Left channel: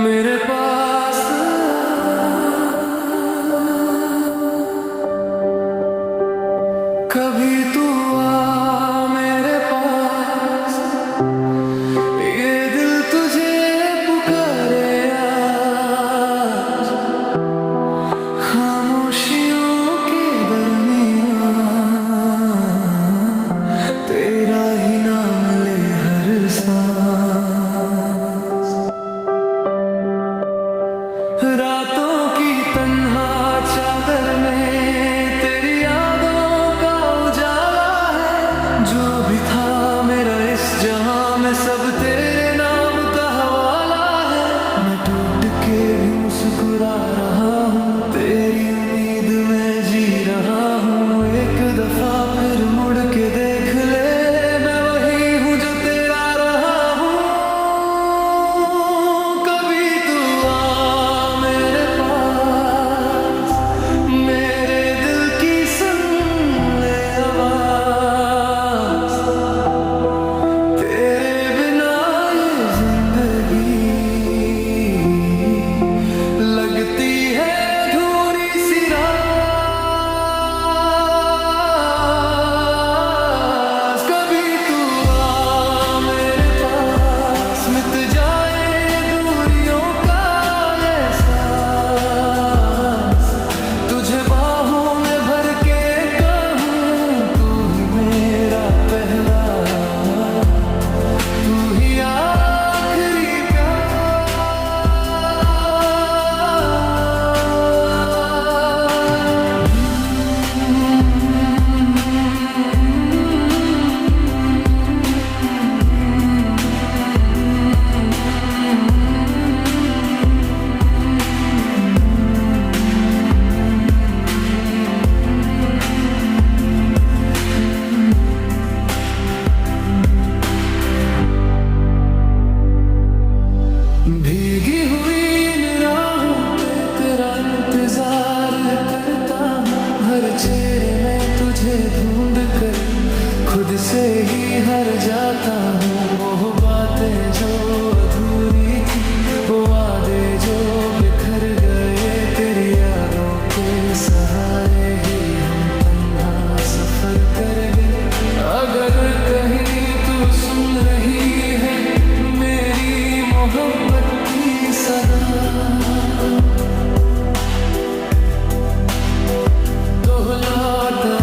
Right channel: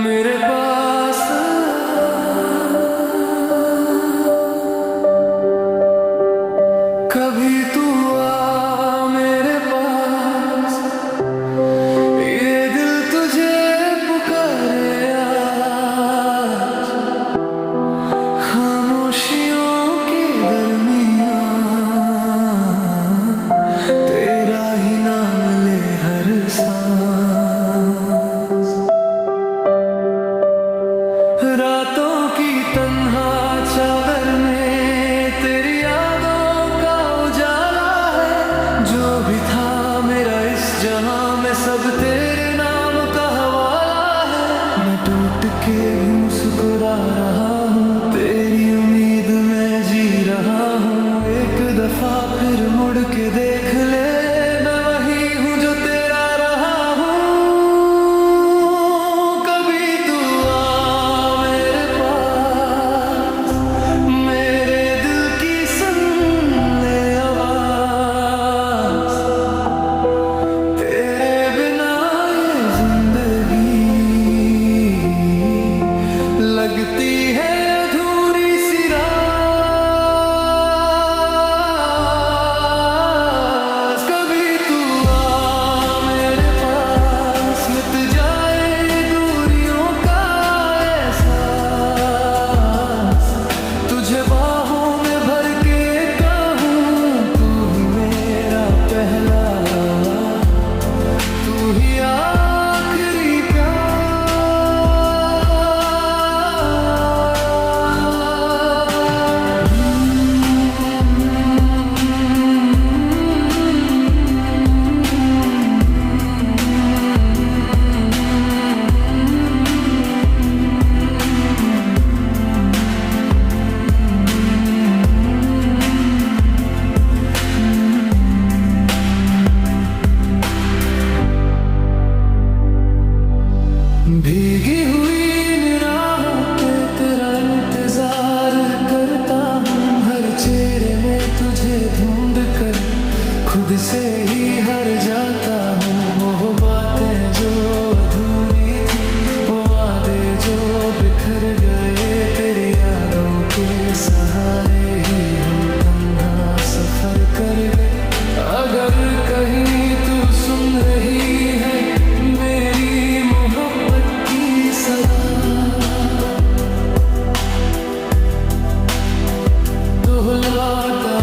मेरे पास कभी तू आ मेरे पास, ये दिल तुझे पुकारे आज। खामोशियों के दरमियां तेरा ही नाम ले हर सांस। रातों की तन्हा चादर में तेरी यादों का उजाला है। जो भी था मेरा इस जहां में सब तेरे नाम का हवाला है। मैं टूट के भी मुस्कुरा रहा हूँ, तेरी उम्मीद में जी रहा हूँ। एक दफा फिर मुड़ के देख ले, मैं वही हूँ जो तेरा रहा हूँ। कभी तू आ मेरे पास, मेरे दिल की सुन ले आवाज। तेरे बिना ये जिंदगी लगती है अधूरी सी राज। कभी तू आ मेरे पास, मिट जाए ये दूरियों का एहसास। तुझे बाहों में भर के कहूँ, तू ही मेरा पहला, तू ही आखिरी प्यार। भीगी हुई इन राहों पे तेरा इंतजार करता हूँ। हर चेहरे में तुझे ढूंढ कर खुद से ही हर जाता हूँ। वो बातें जो अधूरी थी, वो वादे जो बिखर गए, तेरी यादों के सहारे ही हम तन्हा सफर कर गए। अगर कहीं तू सुन रही है मेरी मोहब्बत की सदा, तो लौटा